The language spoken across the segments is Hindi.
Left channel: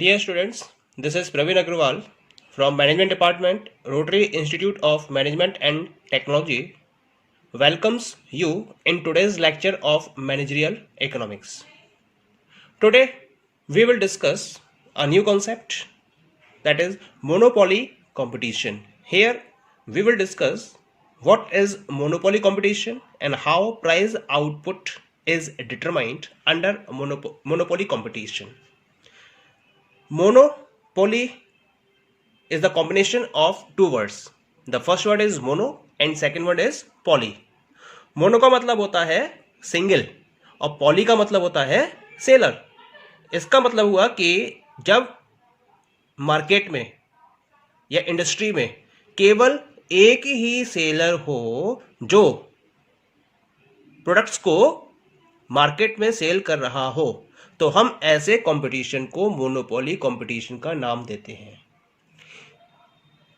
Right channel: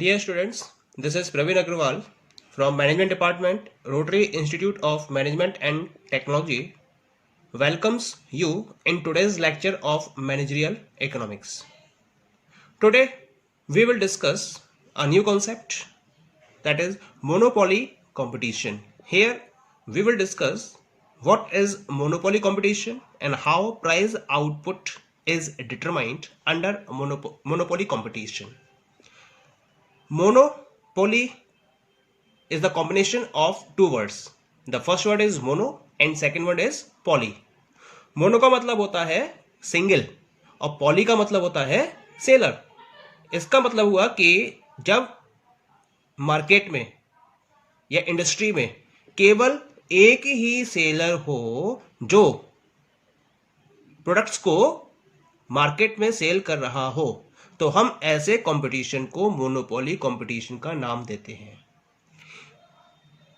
Dear students, this is Praveen Agrawal from Management Department, Rotary Institute of Management and Technology. Welcomes you in today's lecture of Managerial Economics. Today, we will discuss a new concept, that is monopoly competition. Here, we will discuss what is monopoly competition and how price output is determined under monopoly competition. Monopoly is the combination of two words. The first word is mono and second word is poly. Mono का मतलब होता है सिंगल और पॉली का मतलब होता है सेलर. इसका मतलब हुआ कि जब मार्केट में या इंडस्ट्री में केवल एक ही सेलर हो जो प्रोडक्ट्स को मार्केट में सेल कर रहा हो, तो हम ऐसे कंपटीशन को मोनोपोली कंपटीशन का नाम देते हैं.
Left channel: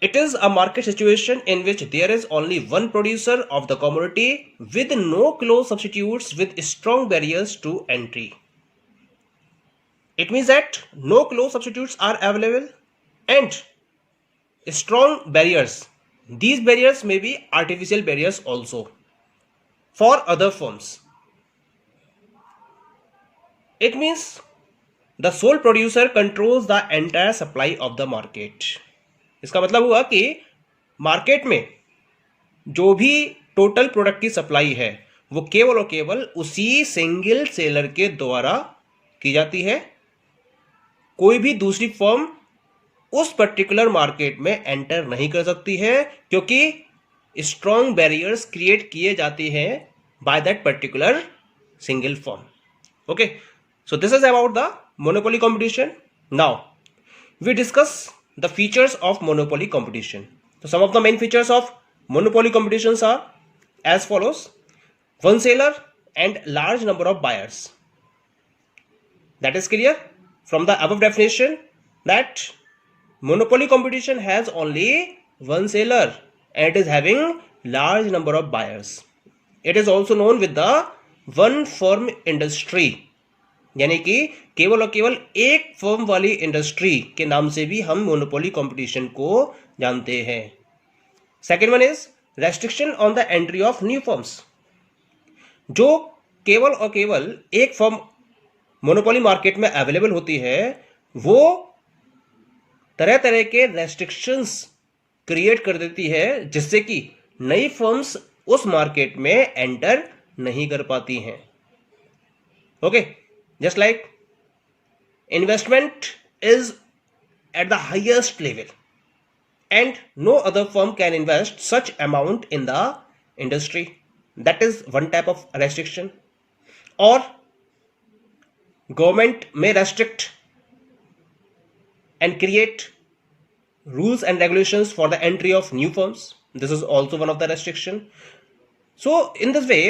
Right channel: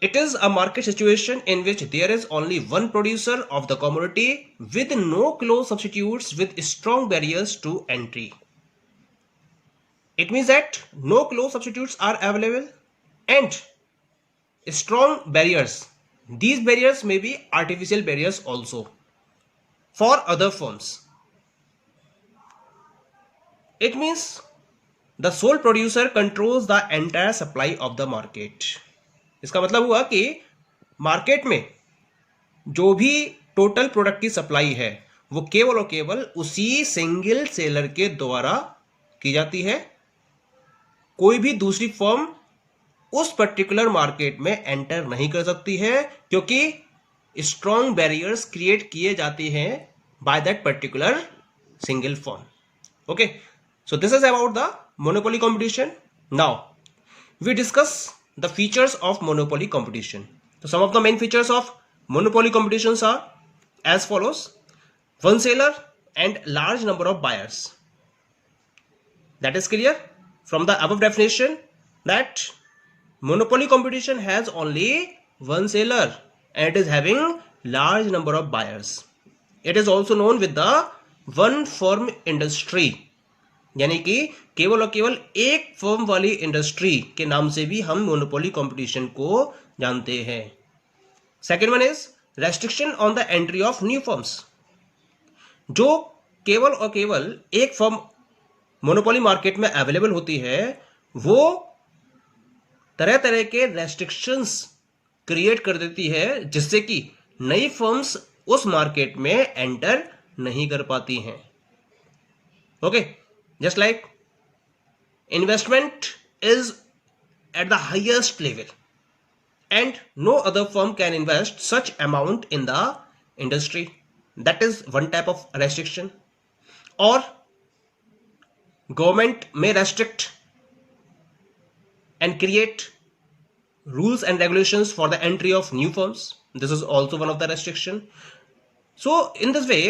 It is a market situation in which there is only one producer of the commodity with no close substitutes with strong barriers to entry. It means that no close substitutes are available and strong barriers. These barriers may be artificial barriers also for other firms. It means the sole producer controls the entire supply of the market. इसका मतलब हुआ कि मार्केट में जो भी टोटल प्रोडक्ट की सप्लाई है वो केवल और केवल उसी सिंगल सेलर के द्वारा की जाती है. कोई भी दूसरी फर्म उस पर्टिकुलर मार्केट में एंटर नहीं कर सकती है क्योंकि स्ट्रॉन्ग बैरियर्स क्रिएट किए जाते हैं by that particular single firm. Okay, so this is about the monopoly competition. Now we discuss the features of monopoly competition. So some of the main features of monopoly competitions are as follows: one seller and large number of buyers. That is clear from the above definition that monopoly competition has only one seller and it is having large number of buyers. It is also known with the one firm industry, यानी कि केवल और केवल एक फर्म वाली इंडस्ट्री के नाम से भी हम मोनोपोली कंपटीशन को जानते हैं. Second one is restriction on the entry of new firms. जो केवल और केवल एक फर्म मोनोपोली मार्केट में अवेलेबल होती है वो तरह तरह के रेस्ट्रिक्शंस क्रिएट कर देती है जिससे कि नई फर्म्स उस मार्केट में एंटर नहीं कर पाती हैं. Okay, just like investment is at the highest level and no other firm can invest such amount in the industry. That is one type of restriction. Or government may restrict and create rules and regulations for the entry of new firms. This is also one of the restriction. So in this way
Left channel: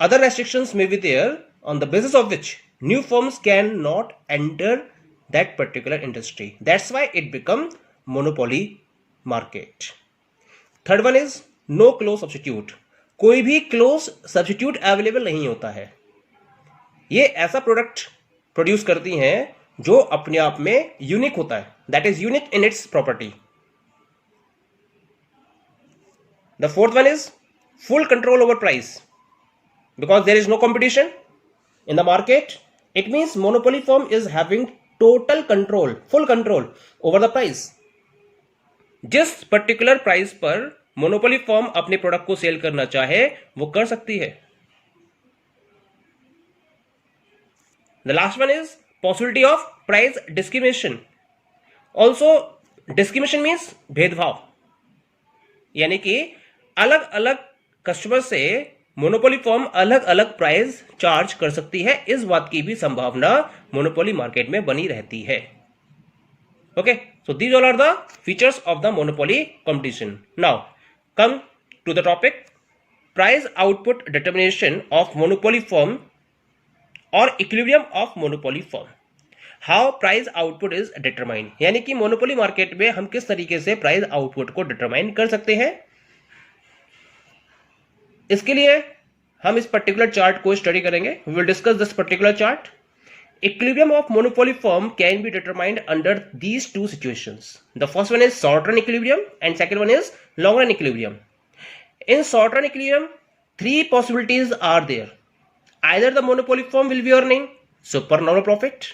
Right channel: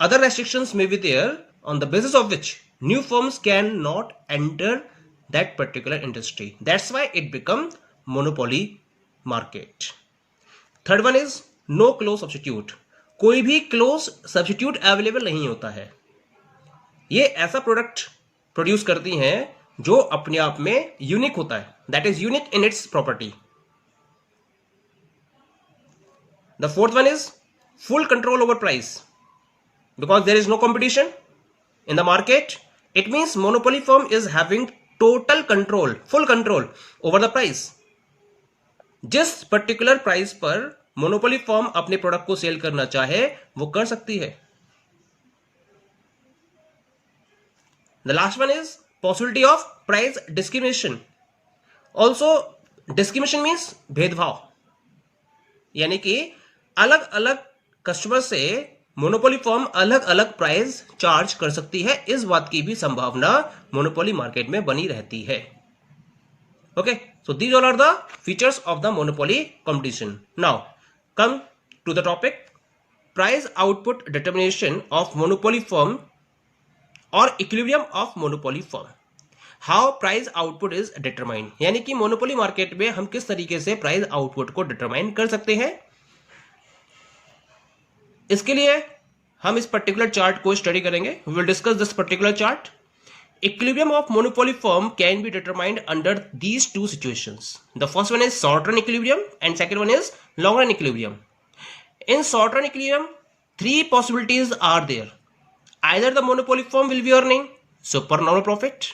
other restrictions may be there on the basis of which new firms cannot enter that particular industry. That's why it become monopoly market. Third one is no close substitute. कोई भी close substitute available नहीं होता है. ये ऐसा प्रोडक्ट प्रोड्यूस करती हैं जो अपने आप में यूनिक होता है. That is unique in its property. The fourth one is full control over price. Because there is no competition in the market, it means monopoly firm is having total control, full control over the price. जिस पर्टिकुलर प्राइस पर मोनोपोली फर्म अपने प्रोडक्ट को सेल करना चाहे वो कर सकती है. The last one is possibility of price discrimination. Also discrimination means भेदभाव, यानी कि अलग अलग कस्टमर से मोनोपोली फर्म अलग अलग प्राइस चार्ज कर सकती है. इस बात की भी संभावना मोनोपोली मार्केट में बनी रहती है. Okay, so these all are the features of the monopoly competition. Now come to the topic price output determination of monopoly firm और equilibrium of monopoly firm. How price output is determined, यानी कि मोनोपोली मार्केट में हम किस तरीके से प्राइस आउटपुट को डिटरमाइन कर सकते हैं. इसके लिए हम इस पर्टिकुलर चार्ट को स्टडी करेंगे. We will discuss this particular chart. Equilibrium of monopoly firm can be determined under these two situations. The first one is short run equilibrium and second one is long run equilibrium. In short run equilibrium, three possibilities are there. Either the monopoly firm will be earning supernormal profit,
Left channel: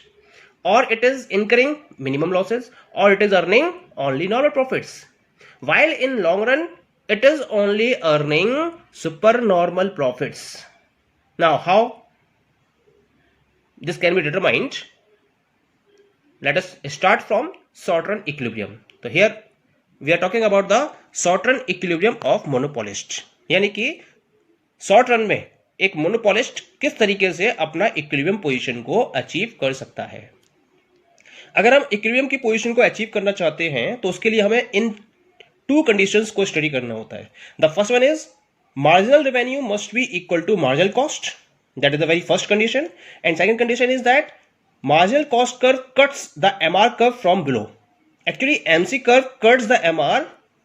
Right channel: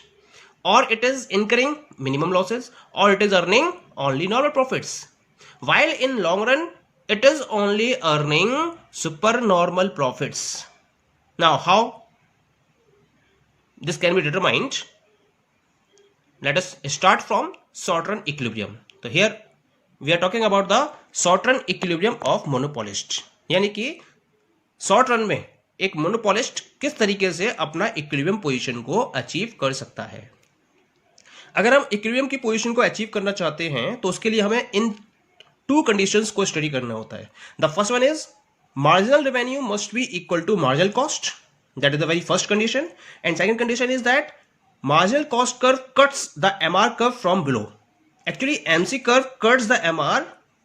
or it is incurring minimum losses, or it is earning only normal profits. While in long run, it is only earning supernormal profits. Now, how this can be determined? Let us start from short run equilibrium. So here we are talking about the short run equilibrium of monopolist. यानी कि शॉर्ट रन में एक मोनोपोलिस्ट किस तरीके से अपना इक्विलिब्रियम पोजीशन को अचीव कर सकता है. अगर हम इक्विलिब्रियम की पोजीशन को अचीव करना चाहते हैं तो उसके लिए हमें इन टू कंडीशंस को स्टडी करना होता है. The first one is marginal revenue must be equal to marginal cost. That is the very first condition. And second condition is that marginal cost curve cuts the MR curve from below. Actually, MC curve cuts the MR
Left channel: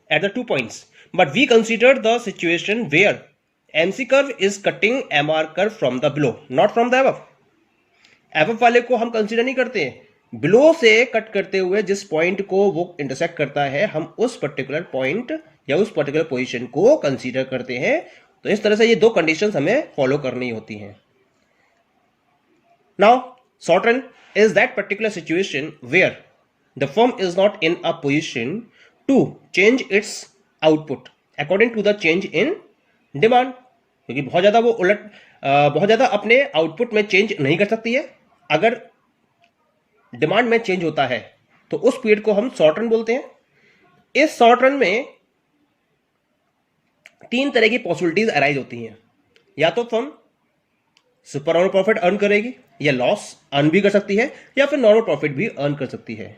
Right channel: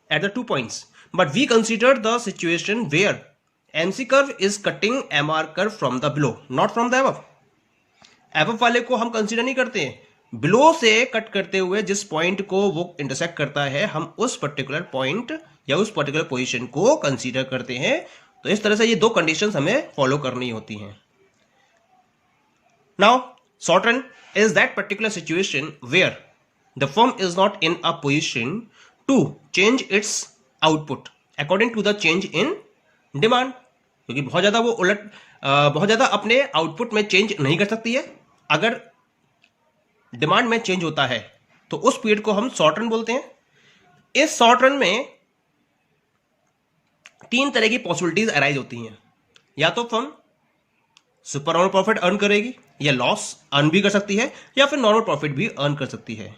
at the 2 points. But we consider the situation where MC curve is cutting MR curve from the below, not from the above. Above वाले को हम कंसिडर नहीं करते हैं. बिलो से कट करते हुए जिस पॉइंट को वो इंटरसेक्ट करता है, हम उस पर्टिकुलर पॉइंट या उस पर्टिकुलर पोजीशन को कंसीडर करते हैं. तो इस तरह से ये दो कंडीशंस हमें फॉलो करनी होती हैं. Now short run is that particular situation where the firm is not in a position to change its output according to the change in demand. क्योंकि बहुत ज्यादा अपने आउटपुट में चेंज नहीं कर सकती है. अगर डिमांड में चेंज होता है तो उस पीरियड को हम शॉर्ट रन बोलते हैं. इस शॉर्ट रन में तीन तरह की पॉसिबिलिटीज अराइज होती हैं. या तो firm super normal profit earn करेगी, या लॉस अर्न भी कर सकती है, या फिर नॉर्मल प्रॉफिट भी अर्न कर सकती है.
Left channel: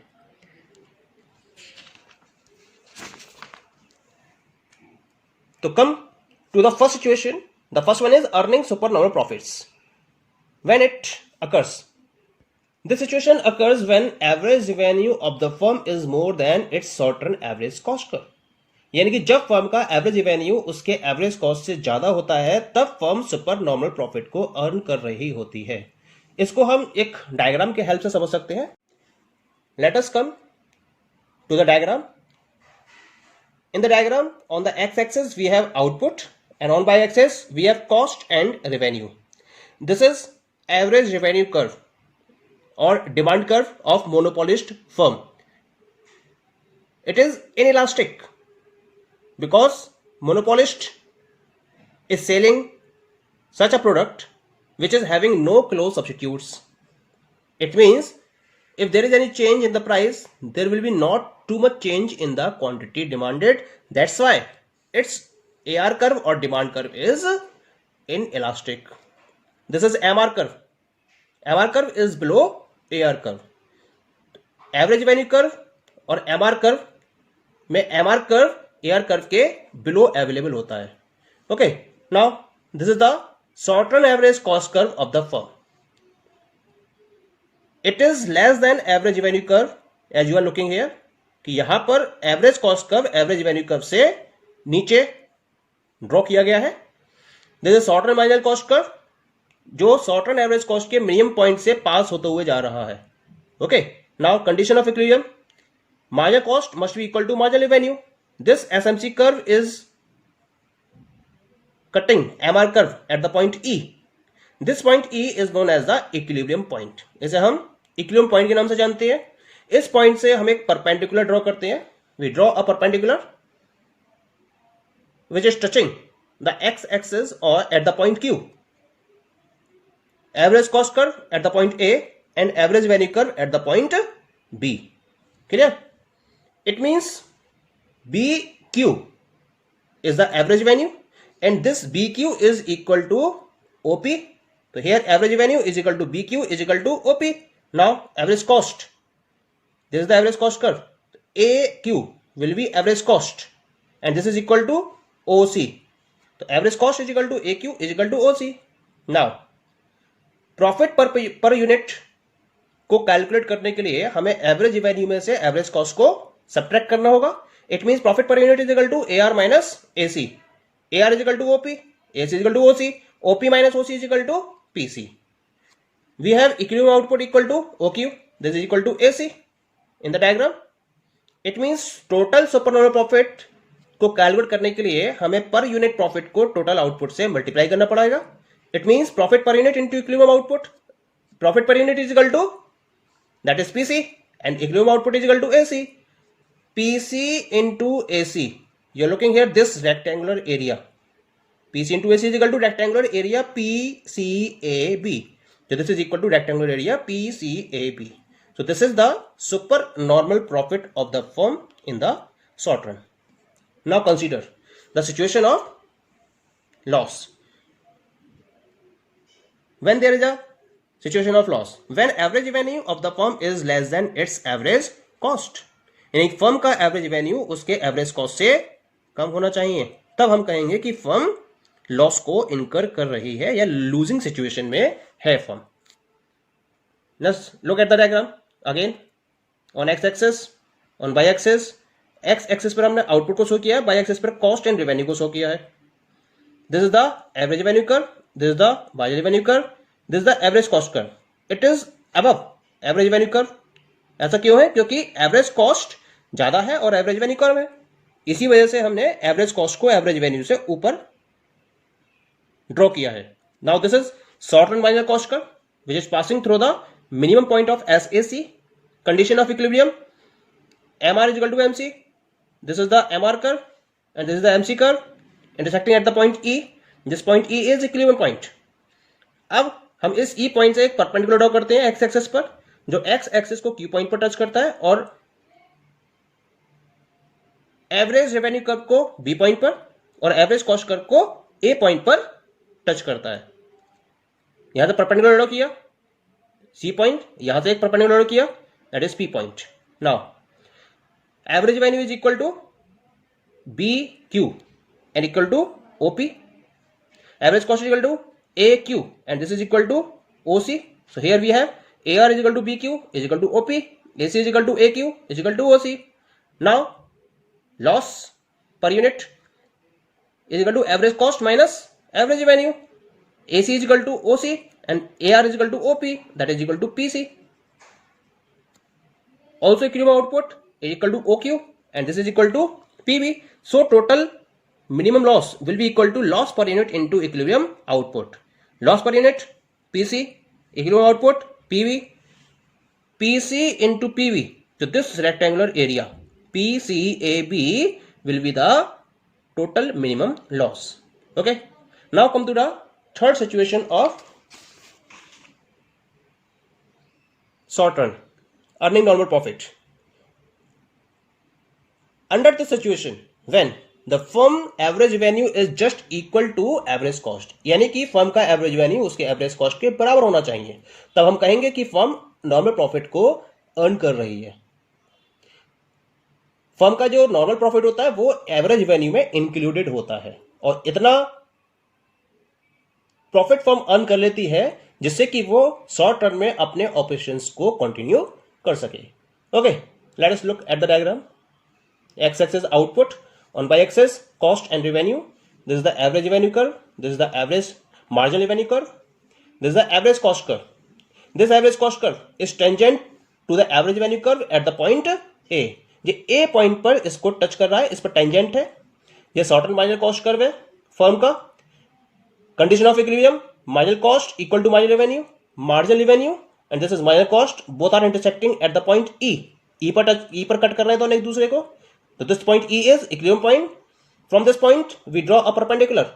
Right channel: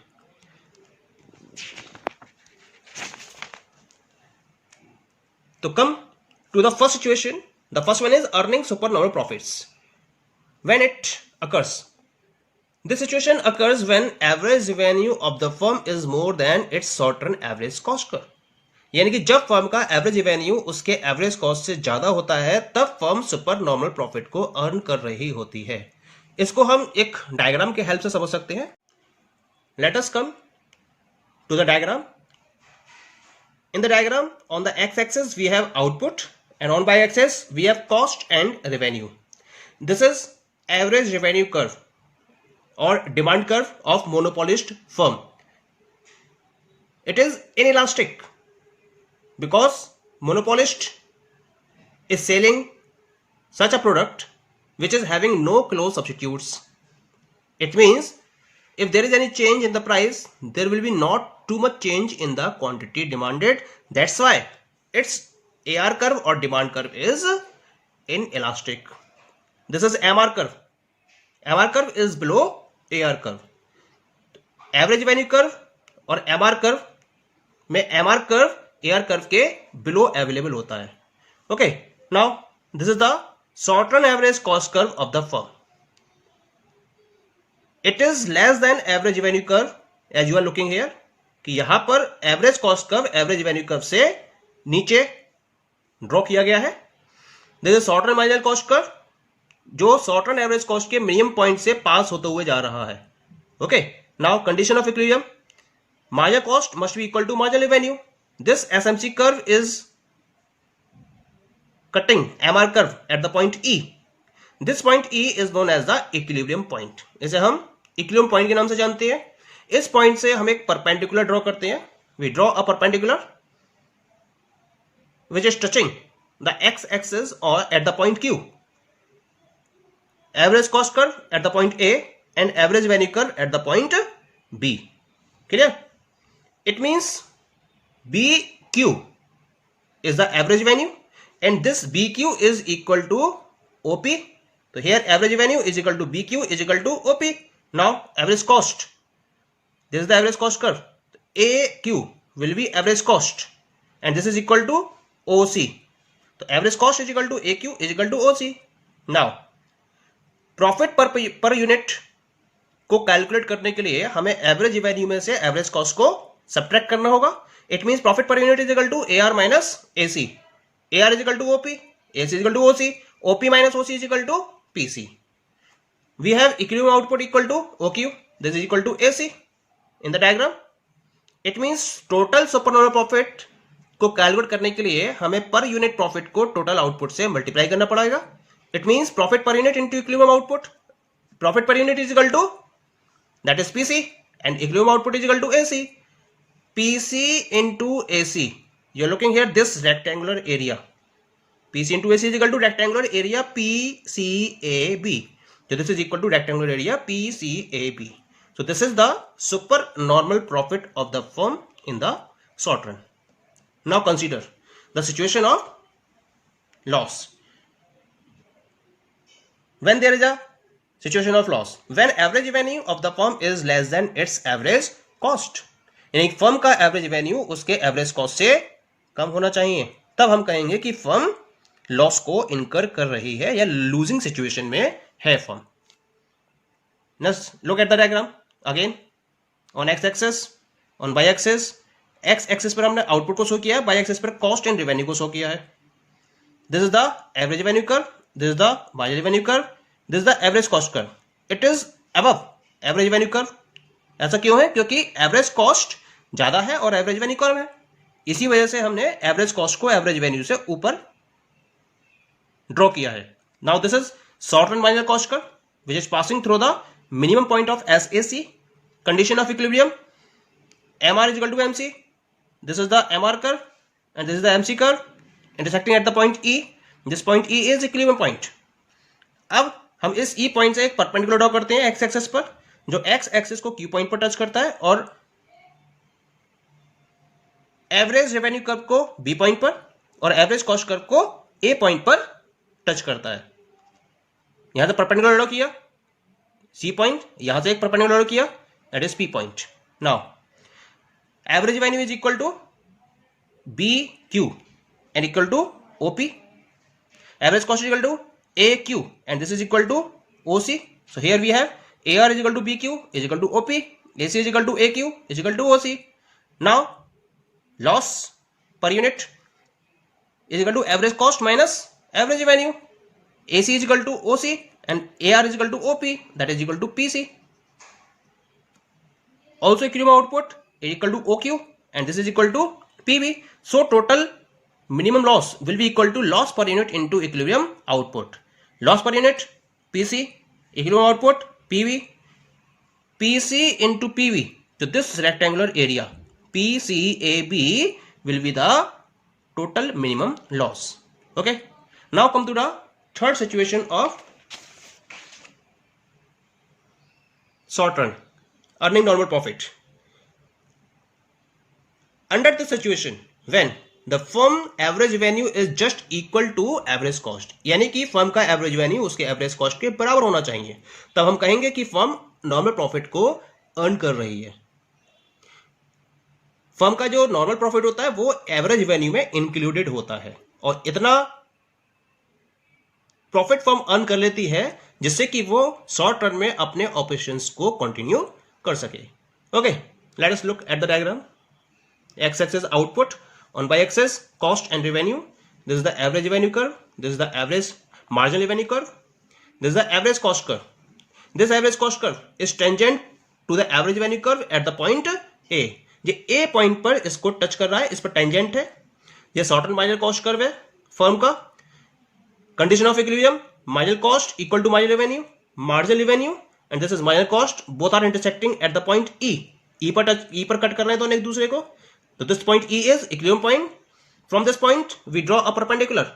तो come to the first situation. The first one is earning super normal profits. When it occurs, this situation occurs when average revenue of the firm is more than its short run average cost curve. यानी कि जब फर्म का एवरेज रेवेन्यू उसके एवरेज कॉस्ट से ज्यादा होता है तब फर्म सुपर नॉर्मल प्रॉफिट को अर्न कर रही होती है. इसको हम एक डायग्राम के हेल्प से समझ सकते हैं. Let us come to the diagram. In the diagram on the x axis we have output and on y axis we have cost and revenue. This is average revenue curve or demand curve of monopolist firm. It is inelastic because monopolist is selling such a product which is having no close substitutes. It means if there is any change in the price, there will be not too much change in the quantity demanded. That's why its AR curve or demand curve is inelastic. This is MR curve. MR curve is below AR curve. Average revenue curve और MR कर्व में MR कर्व AR कर्व के बिलो अवेलेबल होता है. Okay, now this is the short run average cost curve of the firm. It is less than average revenue curve as you are looking here. कि यहां पर average cost curve average revenue curve से नीचे ड्रॉ किया गया है. This is short run marginal cost curve जो शॉर्ट रन एवरेज कॉस्ट के मिनिमम पॉइंट से पास होते हुए जा रहा है. Okay, now condition of equilibrium. Marginal cost must be equal to marginal revenue. This SMC curve is cutting MR curve at the point E. This point E is known as the equilibrium point. इसे हम इक्विलिब्रियम पॉइंट के नाम से जानते हैं. इस पॉइंट से हम एक परपेंडिकुलर ड्रॉ करते हैं. We draw a perpendicular which is touching the x axis और at the point Q. Average cost curve at the point A and average revenue curve at the point B. Clear? It means BQ is the average revenue and this BQ is equal to OP. So here average revenue is equal to BQ is equal to OP. Now average cost. This is the average cost curve. AQ will be average cost and this is equal to OC. So average cost is equal to AQ is equal to OC. Now profit per unit को कैलकुलेट करने के लिए हमें एवरेज रेवेन्यू में से एवरेज कॉस्ट को सब्ट्रैक्ट करना होगा. It means profit per unit is equal to AR minus AC. AR is equal to OP, AC is equal to OC, OP minus OC is equal to PC. we have equilibrium output equal to OQ, this is equal to AC in the diagram. It means total supernormal profit को कैलकुलेट करने के लिए हमें पर यूनिट प्रॉफिट को टोटल आउटपुट से मल्टीप्लाई करना पड़ेगा. It means profit per unit into equilibrium output. Profit per unit is equal to that is PC and equilibrium output is equal to AC. PC into AC, you are looking here this rectangular area. PC into AC is equal to rectangular area PCAB. So this is equal to rectangular area PCAB. So this is the supernormal profit of the firm in the short run. Now consider the situation of loss. When there is a situation of loss, when average revenue of the firm is less than its average cost, यानी फर्म का एवरेज रेवेन्यू उसके एवरेज कॉस्ट से कम होना चाहिए, तब हम कहेंगे कि फर्म लॉस को इनकर कर रही है या लूजिंग सिचुएशन में है firm. Look at the diagram again. On X axis, on Y axis. X axis पर हमने आउटपुट को शो किया है, वाई एक्सिस पर कॉस्ट एंड रेवेन्यू को शो किया है. This is the average revenue curve, this is the marginal revenue curve, this is the average cost curve. It is above average revenue curve. ऐसा क्यों है? क्योंकि एवरेज कॉस्ट ज्यादा है और एवरेज रेवेन्यू कम है. इसी वजह से हमने एवरेज कॉस्ट को एवरेज रेवेन्यू से ऊपर ड्रॉ किया है. Now this is short run marginal cost curve which is passing through the minimum point of SAC, condition of equilibrium. MR is equal to MC. This is the MR curve and this is the MC curve intersecting at the point E. This point E is equilibrium point. अब हम इस E point से एक परपेंडिकुलर ड्रॉ करते हैं X एक्सिस पर, जो X एक्सिस को Q पॉइंट पर टच करता है और एवरेज रेवेन्यू कर्व को B पॉइंट पर और एवरेज कॉस्ट कर्व को A पॉइंट पर टच करता है. यहां से परपेंडिकुलर ड्रॉ किया सी पॉइंट, यहां से एक परपेंडिकुलर ड्रॉ किया that is P point. Now average revenue is equal to B Q and equal to OP. Average cost is equal to A Q and this is equal to OC. So here we have A R is equal to B Q is equal to OP, A C is equal to A Q is equal to OC. Now loss per unit is equal to average cost minus average revenue. AC is equal to OC and AR is equal to OP, that is equal to PC. Also equilibrium output is equal to OQ and this is equal to PB. So total minimum loss will be equal to loss per unit into equilibrium output. Loss per unit PC, equilibrium output PV, PC into PV. So this rectangular area PCAB will be the total minimum loss. Okay. Now come to the third situation of short run earning normal profit. Under this situation, when the firm average revenue is just equal to average cost, यानी कि फर्म का एवरेज रेवेन्यू उसके एवरेज कॉस्ट के बराबर होना चाहिए, तब हम कहेंगे कि फर्म नॉर्मल प्रॉफिट को अर्न कर रही है. फर्म का जो नॉर्मल प्रॉफिट होता है वो एवरेज रेवेन्यू में इंक्लूडेड होता है और इतना प्रॉफिट फर्म अर्न कर लेती है जिससे कि वो शॉर्ट रन में अपने ऑपरेशंस को कंटिन्यू कर सके. Okay, let us look at the diagram. X axis output, on Y axis cost and revenue. This is the average revenue curve, this is the average marginal revenue curve, this is the average cost curve. This average cost curve is tangent to the average revenue curve at the point A. ये ए पॉइंट पर इसको टच कर रहा है, इस पर टेंजेंट है. ये short run marginal cost curve है फर्म का. Condition of equilibrium, marginal cost equal to marginal revenue, marginal revenue and this is marginal cost, both are intersecting at the point E. E पर कट कर रहे हैं दोनों एक दूसरे को. तो this point E is equilibrium point. From this point we draw a perpendicular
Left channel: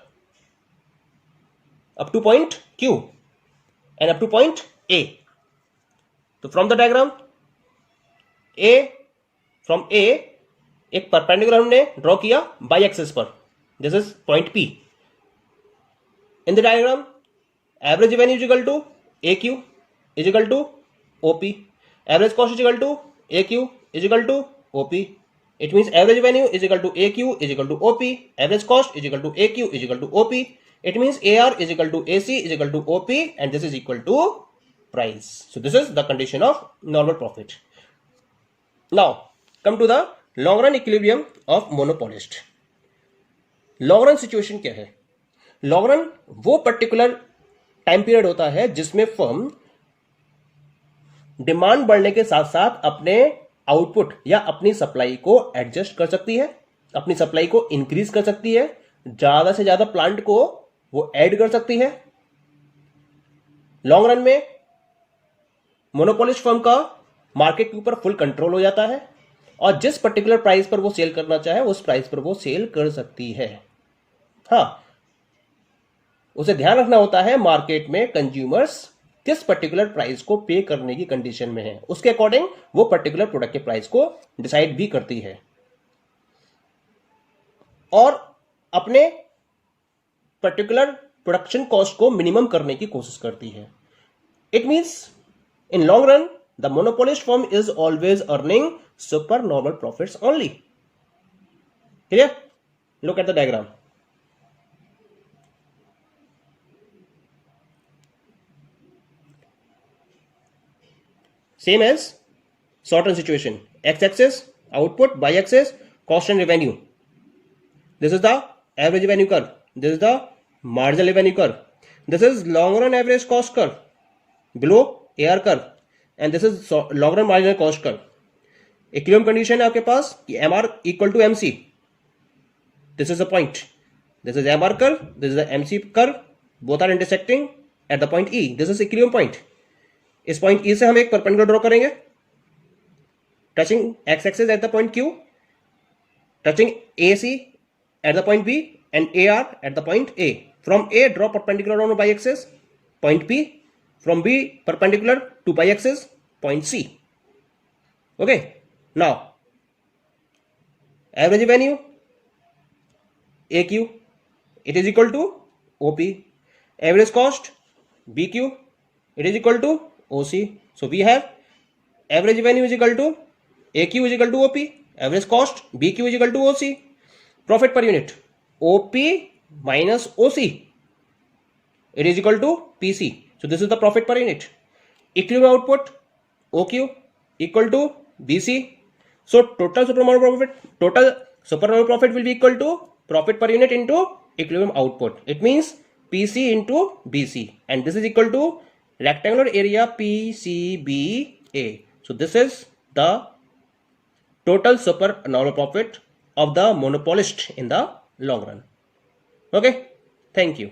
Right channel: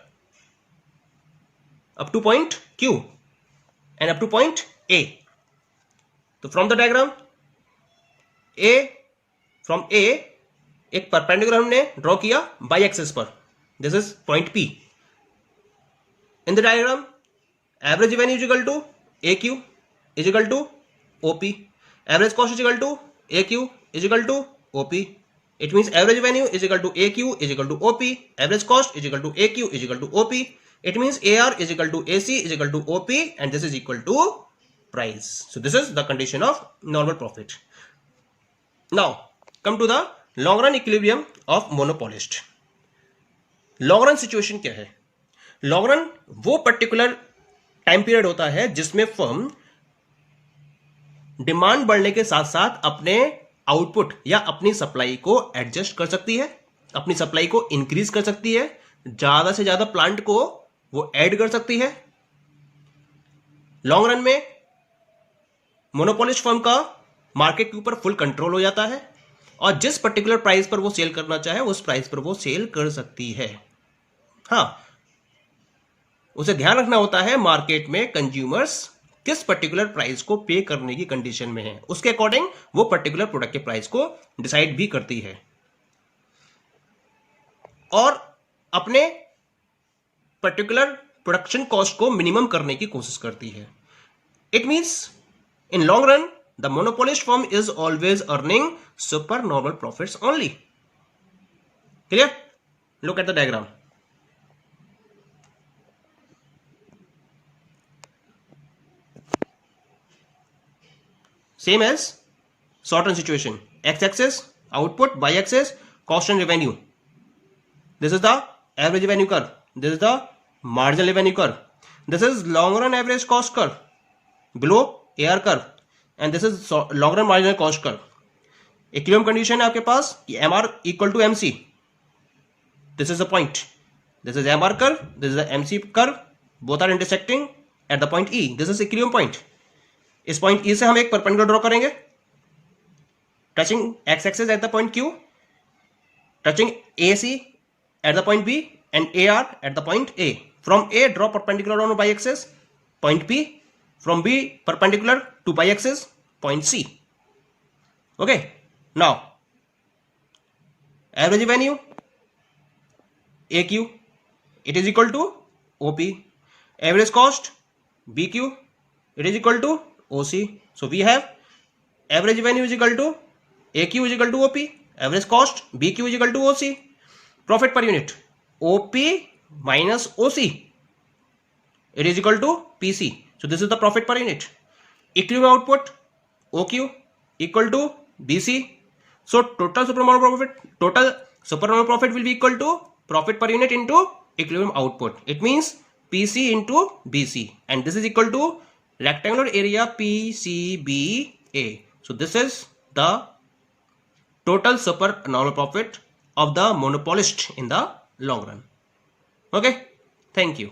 up to point Q and up to point A. तो from the diagram A, from A एक perpendicular हमने ड्रॉ किया y axis पर. This is point P. In the diagram, average revenue is equal to AQ is equal to OP. Average cost is equal to AQ is equal to OP. It means average revenue is equal to AQ is equal to OP. Average cost is equal to AQ is equal to OP. It means AR is equal to AC is equal to OP and this is equal to price. So this is the condition of normal profit. Now come to the long run equilibrium of monopolist. Long run situation क्या है? लॉन्ग रन वो पर्टिकुलर टाइम पीरियड होता है जिसमें फर्म डिमांड बढ़ने के साथ साथ अपने आउटपुट या अपनी सप्लाई को एडजस्ट कर सकती है, अपनी सप्लाई को इंक्रीज कर सकती है, ज्यादा से ज्यादा प्लांट को वो ऐड कर सकती है। लॉन्ग रन में मोनोपोलिस्ट फर्म का मार्केट के ऊपर फुल कंट्रोल हो जाता है और जिस पर्टिकुलर प्राइस पर वो सेल करना चाहे उस प्राइस पर वो सेल कर सकती है। हाँ, उसे ध्यान रखना होता है मार्केट में कंज्यूमर्स किस पर्टिकुलर प्राइस को पे करने की कंडीशन में है, उसके अकॉर्डिंग वो पर्टिकुलर प्रोडक्ट के प्राइस को डिसाइड भी करती है और अपने पर्टिकुलर प्रोडक्शन कॉस्ट को मिनिमम करने की कोशिश करती है। It means in long run the monopolist firm is always earning super normal profits only. Clear? Look at the diagram. Same as short run situation. X-axis output, y-axis cost and revenue. This is the average revenue curve. This is the marginal revenue curve. This is long run average cost curve below AR curve, and this is long run marginal cost curve. Equilibrium condition है आपके पास कि MR equal to MC. This is the point. This is MR curve. This is the MC curve. Both are intersecting at the point E. This is equilibrium point. इस पॉइंट ई से हम एक परपेंडिकुलर ड्रॉ करेंगे touching X axis at the point Q, touching A C at the point B and A R at the point A. From A draw perpendicular on Y axis point B, from B perpendicular to Y axis point C. Okay, now average revenue A Q it is equal to OP, average cost B Q it is equal to OC. So we have average revenue is equal to AQ is equal to OP, average cost BQ is equal to OC. Profit per unit OP minus OC, it is equal to PC. So this is the profit per unit. Equilibrium output OQ equal to BC. So total supernormal profit will be equal to profit per unit into equilibrium output. It means PC into BC, and this is equal to rectangular area PCBA. So this is the total supernormal profit of the monopolist in the long run. Okay, thank you.